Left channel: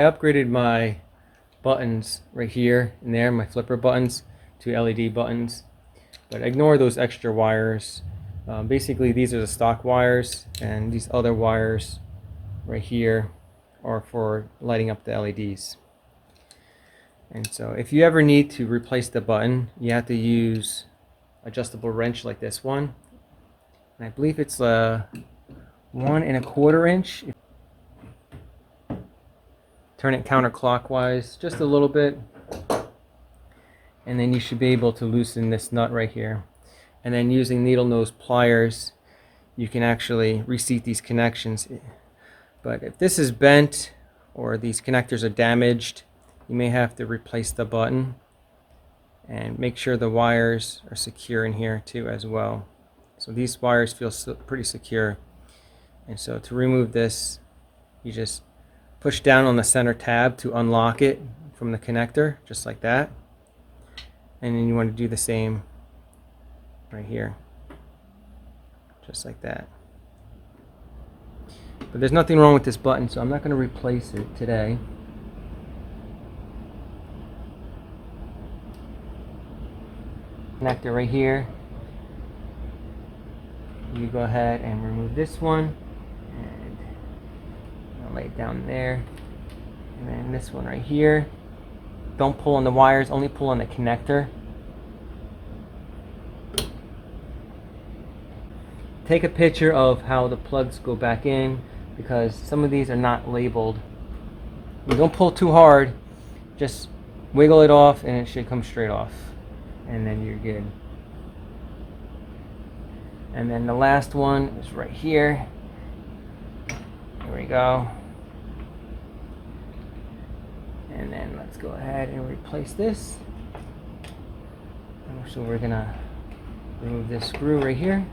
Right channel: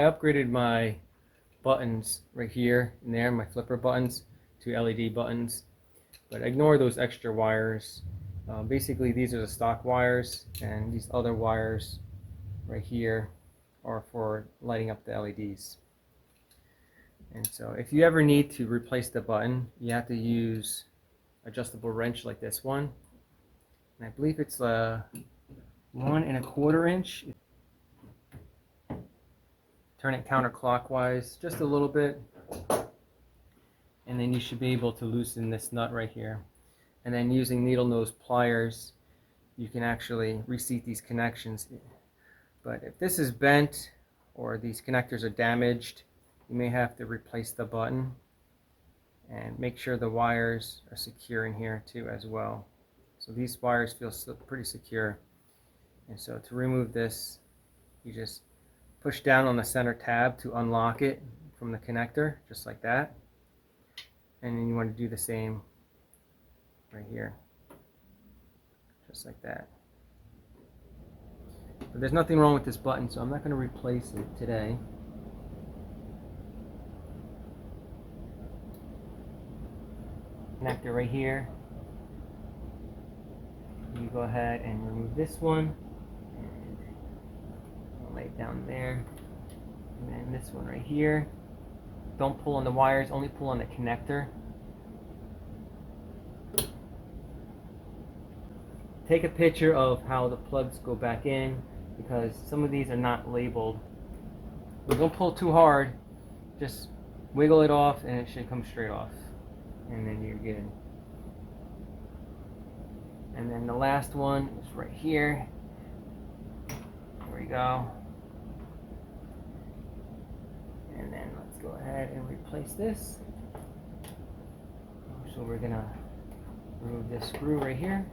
I upgraded my buttons right here and there, my flipper buttons, to LED buttons, but ignore those extra wires. Basically, these are the stock wires, and these other wires right here are for lighting up the LEDs. And so if you ever need to replace the button, you have to use adjustable wrench like this one, and I believe it's 1 1/4 inch. Turn it counterclockwise just a little bit, and then you should be able to loosen this nut right here. And then using needle nose pliers, you can actually reseat these connections. But if this is bent or these connectors are damaged, you may have to replace the button, and make sure the wires are secure in here too as well. So these wires feel pretty secure. And so to remove this, you just push down on the center tab to unlock it from the connector, just like that. And then you want to do the same right here, just like that. But there's nothing wrong with this button, so I'm not going to replace it today. Connector right here. You go ahead and remove this one, and I'll lay it down there. And then this one right here. Don't pull on the wires, only pull on the connector. Take a picture of how the plugs go back in, because some of these are not labeled. You don't pull too hard, just wiggle it off and it should come straight off, and then you're good. And then the last one is right here. Here we go. And then let's go ahead and replace this. So we're gonna remove this screw right here.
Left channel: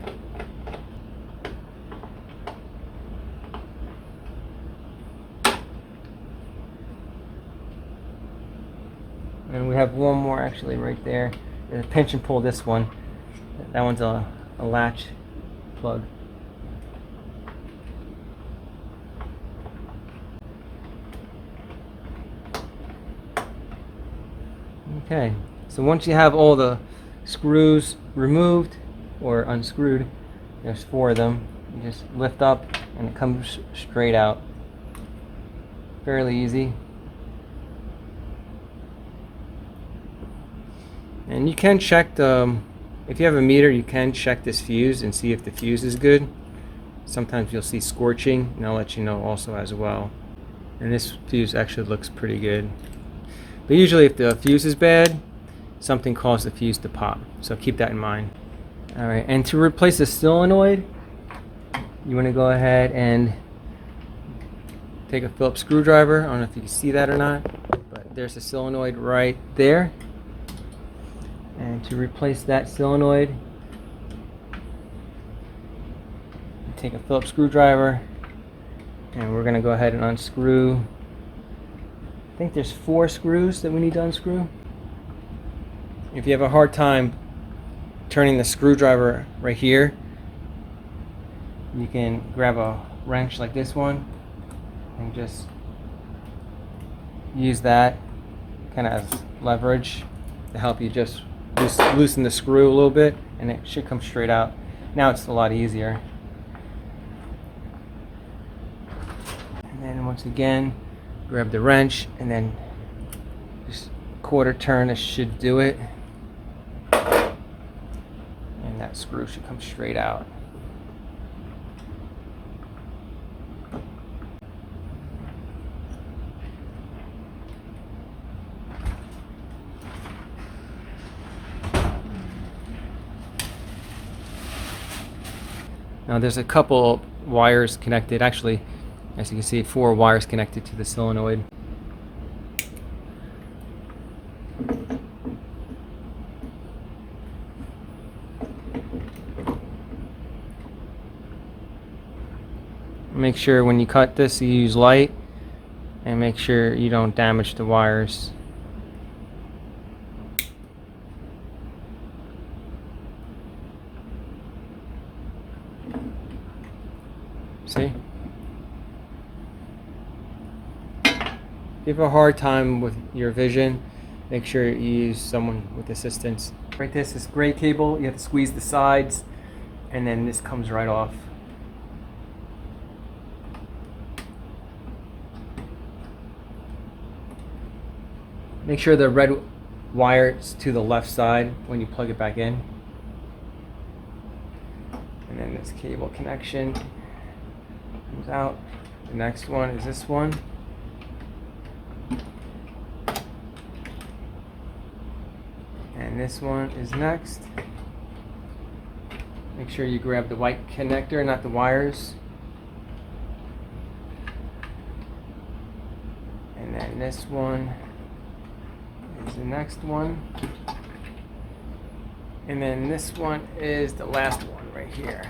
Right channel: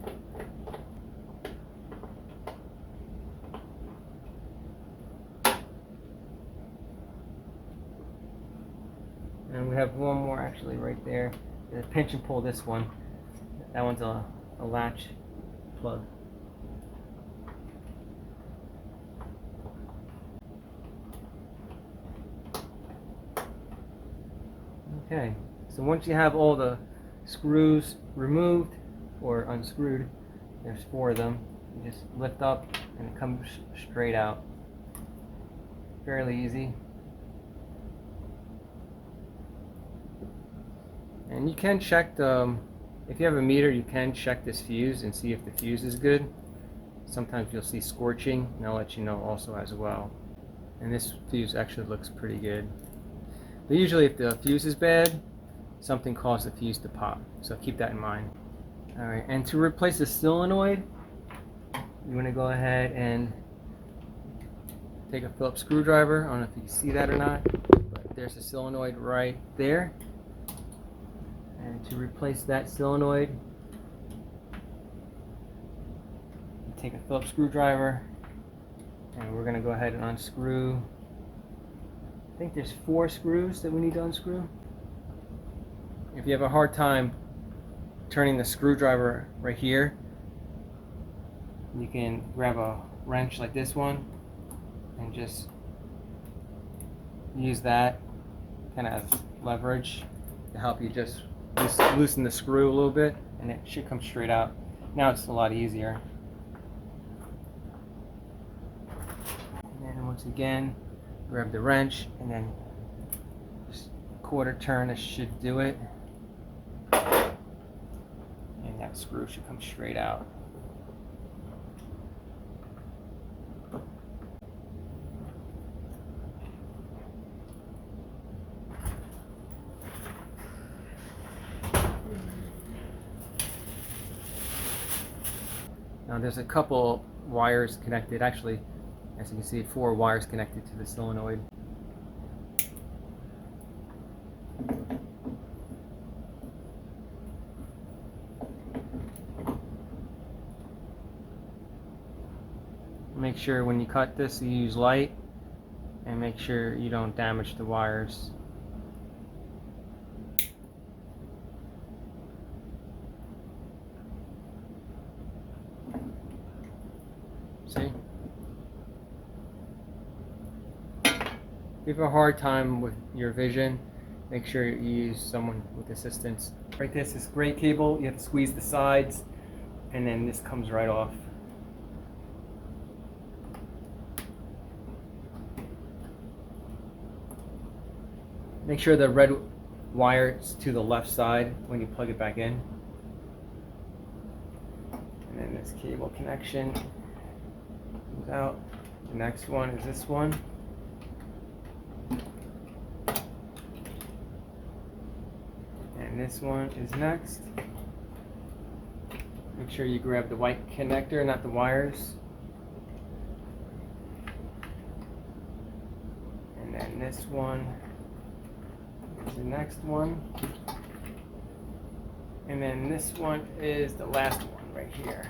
And we have one more actually right there. Pinch and pull this one. That one's a latch plug. Okay, so once you have all the screws removed or unscrewed, there's 4 of them, you just lift up and it comes straight out. Fairly easy. And you can check if you have a meter, you can check this fuse and see if the fuse is good. Sometimes you'll see scorching, and I'll let you know also as well. And this fuse actually looks pretty good. But usually if the fuse is bad, something caused the fuse to pop. So keep that in mind. Alright, and to replace the solenoid, you want to go ahead and take a Phillips screwdriver. I don't know if you can see that or not, but there's a solenoid right there. And to replace that solenoid, take a Phillips screwdriver, and we're going to go ahead and unscrew. I think there's 4 screws that we need to unscrew. If you have a hard time turning the screwdriver right here, you can grab a wrench like this one and just use that kind of as leverage to help you just loosen the screw a little bit, and it should come straight out. Now it's a lot easier. And then once again, grab the wrench and then just quarter turn. This should do it, and that screw should come straight out. Now there's a couple wires connected, actually, as you can see, 4 wires connected to the solenoid. Make sure when you cut this you use light, and make sure you don't damage the wires. See? If you have a hard time with your vision, make sure you use someone with assistance. Right, this is gray cable, you have to squeeze the sides, and then this comes right off. Make sure the red wire is to the left side when you plug it back in. And then this cable connection comes out. The next one is this one. And this one is next. Make sure you grab the white connector, not the wires. And then this one is the next one. And then this one is the last one right here.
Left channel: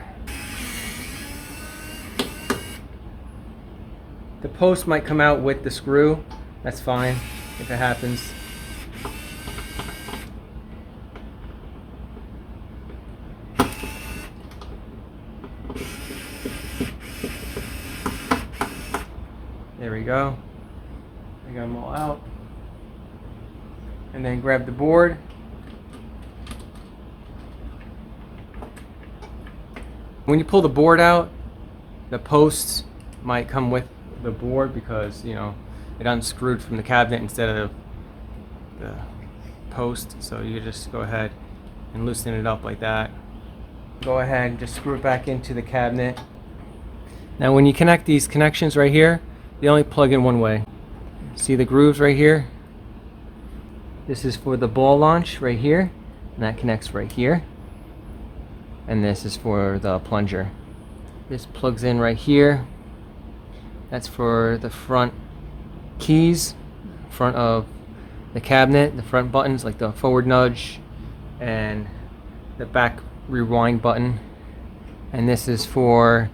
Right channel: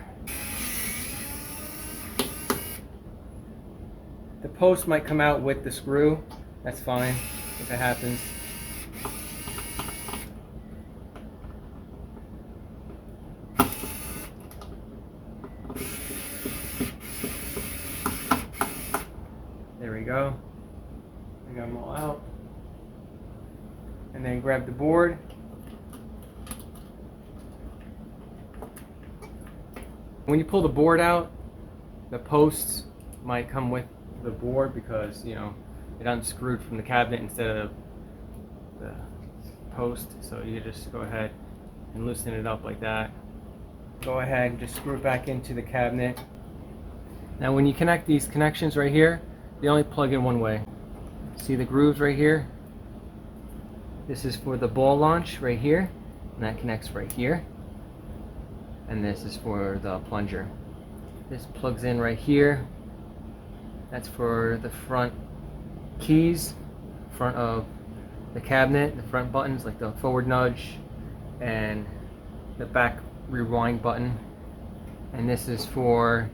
The post might come out with the screw. That's fine if it happens. There we go. I got them all out. And then grab the board. When you pull the board out, the posts might come with the board because, you know, it unscrewed from the cabinet instead of the post. So you just go ahead and loosen it up like that. Go ahead and just screw it back into the cabinet. Now when you connect these connections right here, they only plug in one way. See the grooves right here? This is for the ball launch right here, and that connects right here. And this is for the plunger. This plugs in right here. That's for the front keys, front of the cabinet, the front buttons like the forward nudge and the back rewind button. And this is for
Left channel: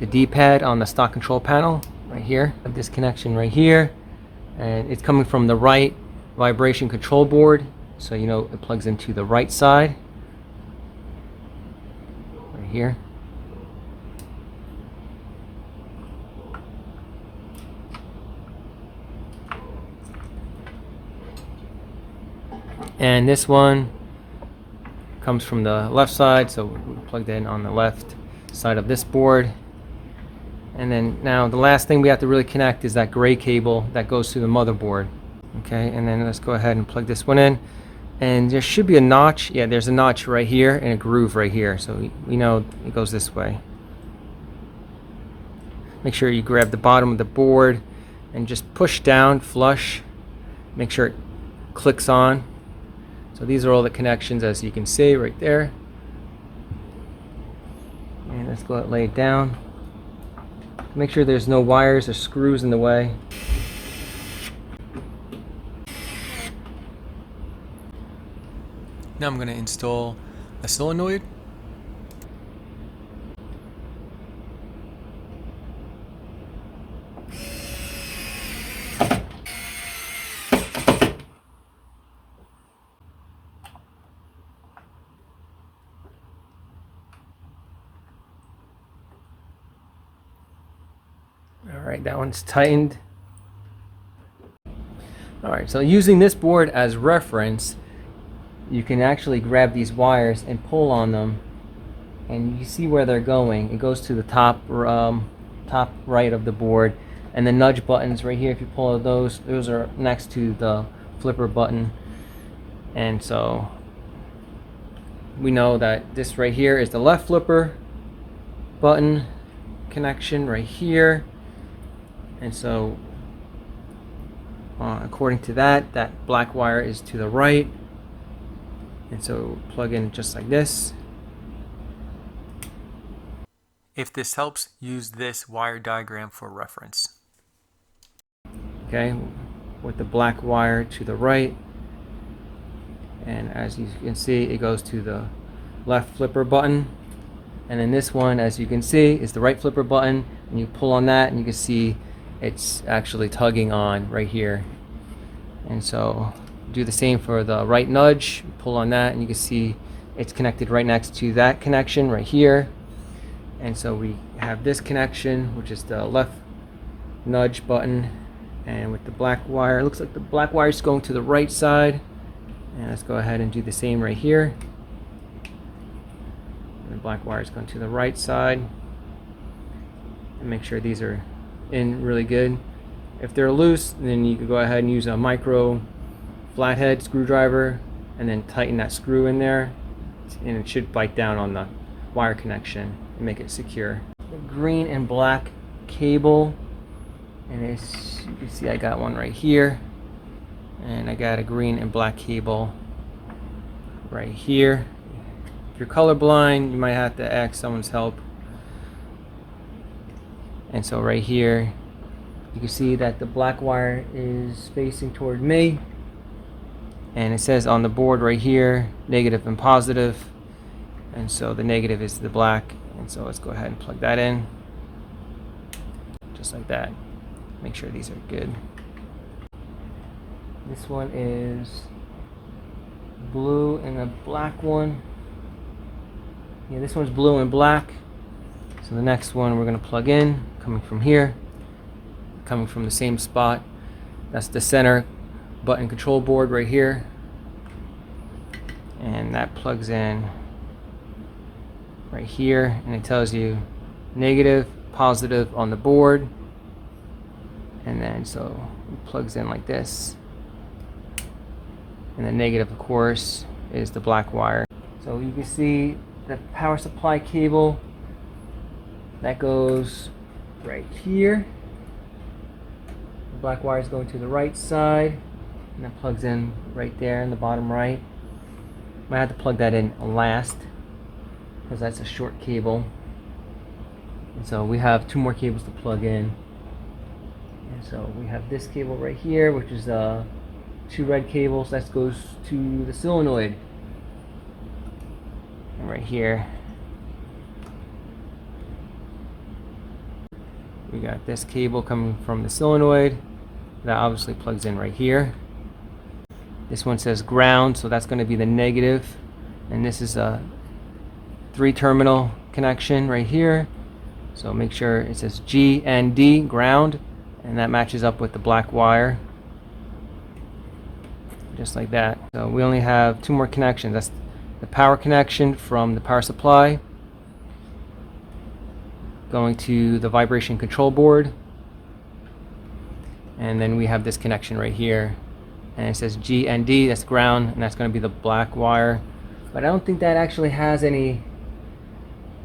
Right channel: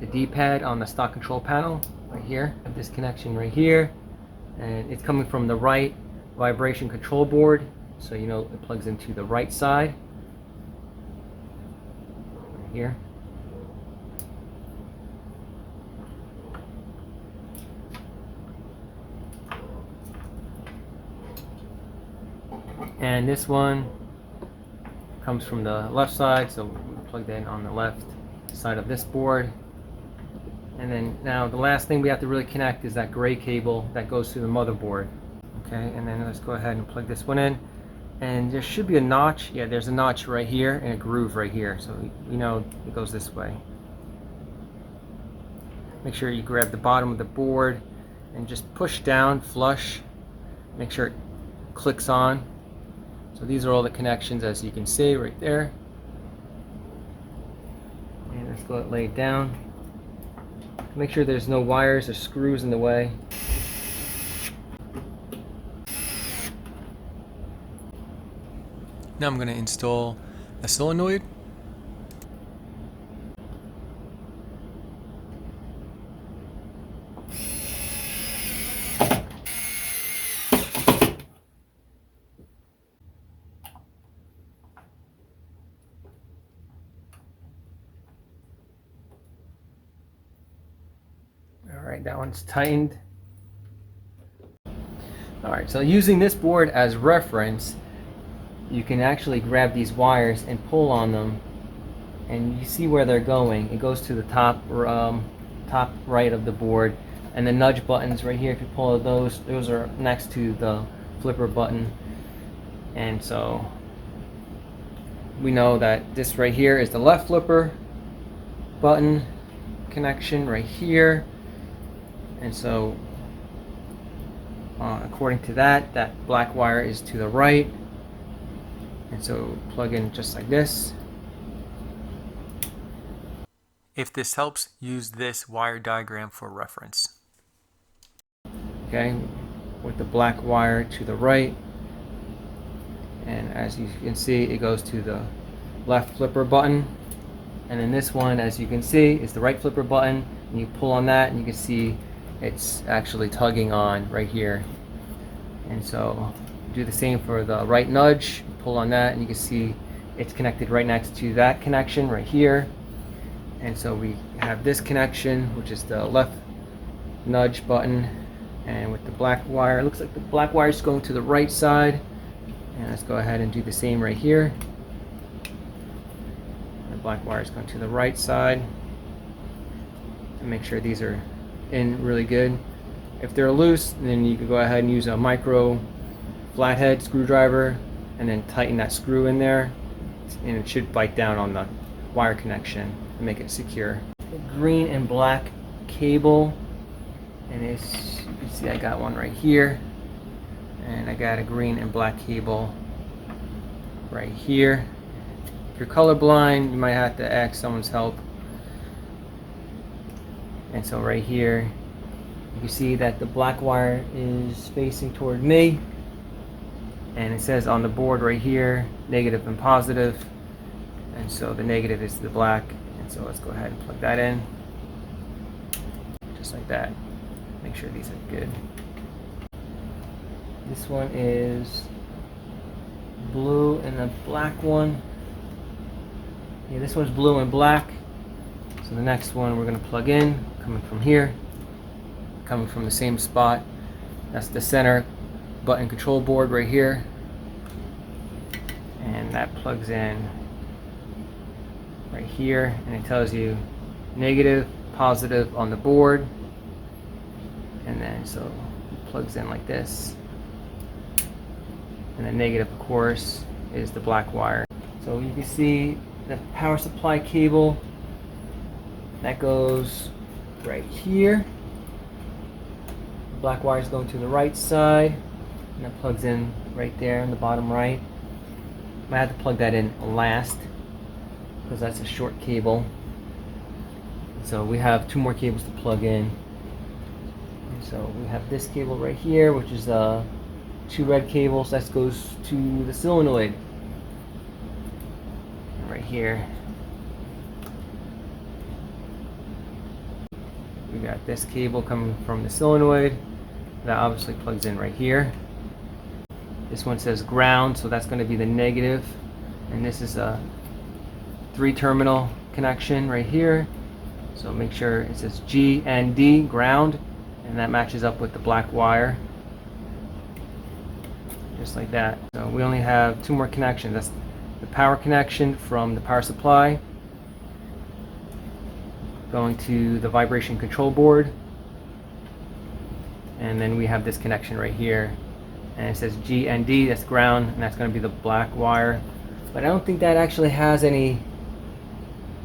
the D-pad on the stock control panel right here. This connection right here, and it's coming from the right vibration control board, so you know it plugs into the right side right here. And this one comes from the left side, so we plugged in on the left side of this board. And then now the last thing we have to really connect is that gray cable that goes to the motherboard. Okay, and then let's go ahead and plug this one in. And there should be a notch. Yeah, there's a notch right here and a groove right here, so we know it goes this way. Make sure you grab the bottom of the board and just push down flush. Make sure it clicks on. So these are all the connections, as you can see right there. And let's go lay it down. Make sure there's no wires or screws in the way. Now I'm going to install a solenoid. Alright, that one's tightened. Alright, so using this board as reference, you can actually grab these wires and pull on them, and you see where they're going. It goes to the top right of the board, and the nudge buttons right here, if you pull those are next to the flipper button. And so we know that this right here is the left flipper button connection right here. And so according to that, that black wire is to the right. And so plug in just like this. If this helps, use this wire diagram for reference. Okay, with the black wire to the right. And as you can see, it goes to the left flipper button. And then this one, as you can see, is the right flipper button. And you pull on that and you can see it's actually tugging on right here. And so do the same for the right nudge. Pull on that and you can see it's connected right next to that connection right here. And so we have this connection, which is the left nudge button, And with the black wire, it looks like the black wire is going to the right side. And let's go ahead and do the same right here. The black wire is going to the right side. And make sure these are in really good. If they're loose, then you can go ahead and use a micro flathead screwdriver and then tighten that screw in there, and it should bite down on the wire connection and make it secure. The green and black cable, and it's, you can see I got one right here, and I got a green and black cable right here. If you're colorblind, you might have to ask someone's help. And so right here, you can see that the black wire is facing toward me, and it says on the board right here, negative and positive, and so the negative is the black, and so let's go ahead and plug that in, just like that. Make sure these are good. This one is blue and a black one. Yeah, this one's blue and black. So the next one we're going to plug in, coming from here, coming from the same spot. That's the center button control board right here. And that plugs in right here, and it tells you negative, positive on the board. And then so it plugs in like this. And the negative, of course, is the black wire. So you can see the power supply cable that goes right here. The black wire is going to the right side, and that plugs in right there in the bottom right. I had to plug that in last because that's a short cable. And so we have two more cables to plug in. And so we have this cable right here, which is two red cables. That goes to the solenoid. And right here, we got this cable coming from the solenoid. That obviously plugs in right here. This one says ground, so that's going to be the negative. And this is a 3-terminal connection right here. So make sure it says G and D, ground, and that matches up with the black wire. Just like that. So we only have two more connections. That's the power connection from the power supply going to the vibration control board. And then we have this connection right here. And it says G and D, that's ground, and that's going to be the black wire. But I don't think that actually has any.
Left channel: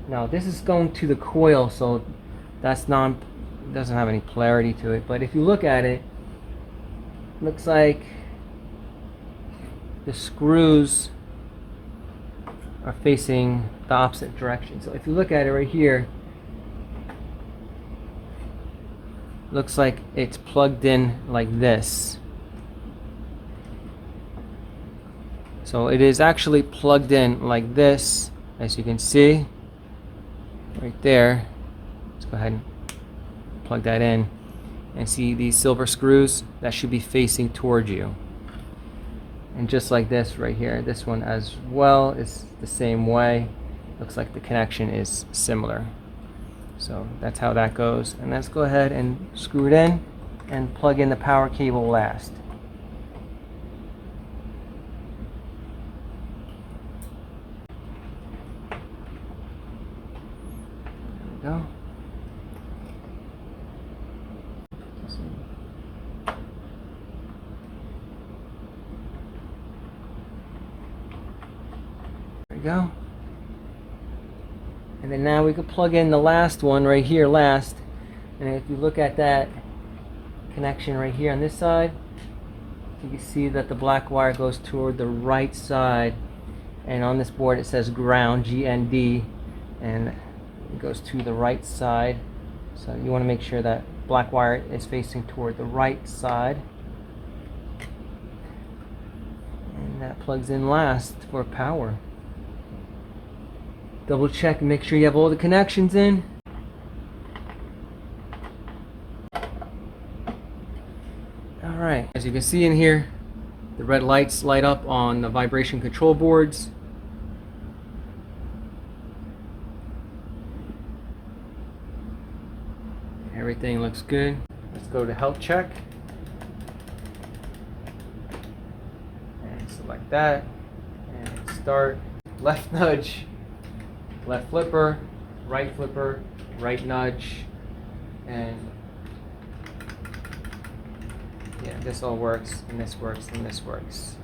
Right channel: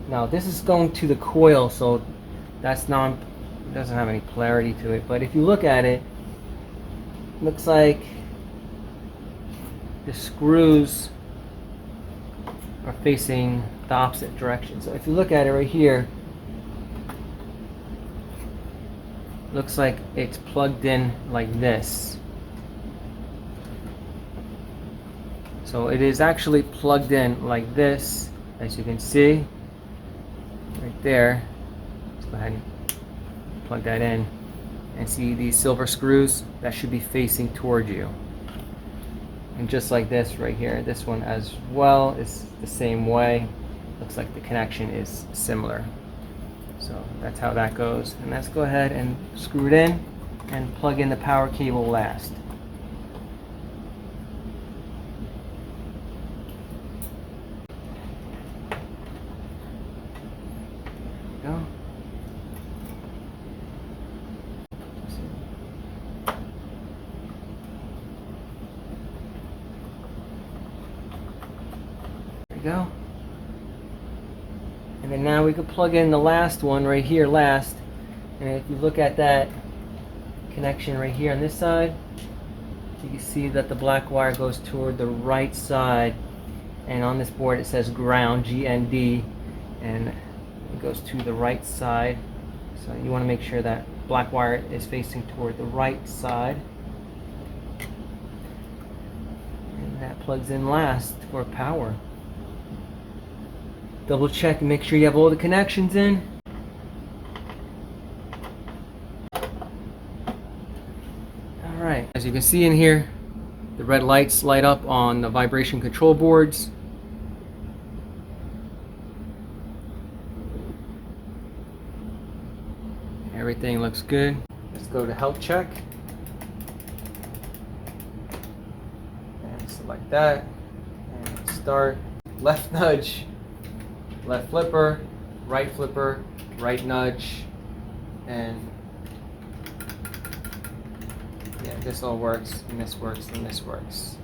Now this is going to the coil, so that's not, doesn't have any polarity to it. But if you look at it, looks like the screws are facing the opposite direction. So if you look at it right here, looks like it's plugged in like this. So it is actually plugged in like this, as you can see right there. Let's go ahead and plug that in, and see these silver screws that should be facing toward you. And just like this right here, this one as well is the same way. Looks like the connection is similar. So that's how that goes. And let's go ahead and screw it in and plug in the power cable last. There we go. There we go. And then now we can plug in the last one right here last. And if you look at that connection right here on this side, you can see that the black wire goes toward the right side. And on this board it says ground, G and D, and it goes to the right side. So you want to make sure that black wire is facing toward the right side. And that plugs in last for power. Double check and make sure you have all the connections in. Alright, as you can see in here, the red lights light up on the vibration control boards. Everything looks good. Let's go to health check. like that, and start. Left nudge, left flipper, right nudge, and yeah, this all works, and this works, and this works.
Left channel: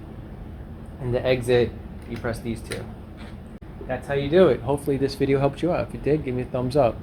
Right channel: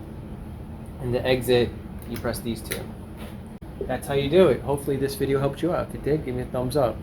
And the exit, you press these two. That's how you do it. Hopefully this video helped you out. If it did, give me a thumbs up.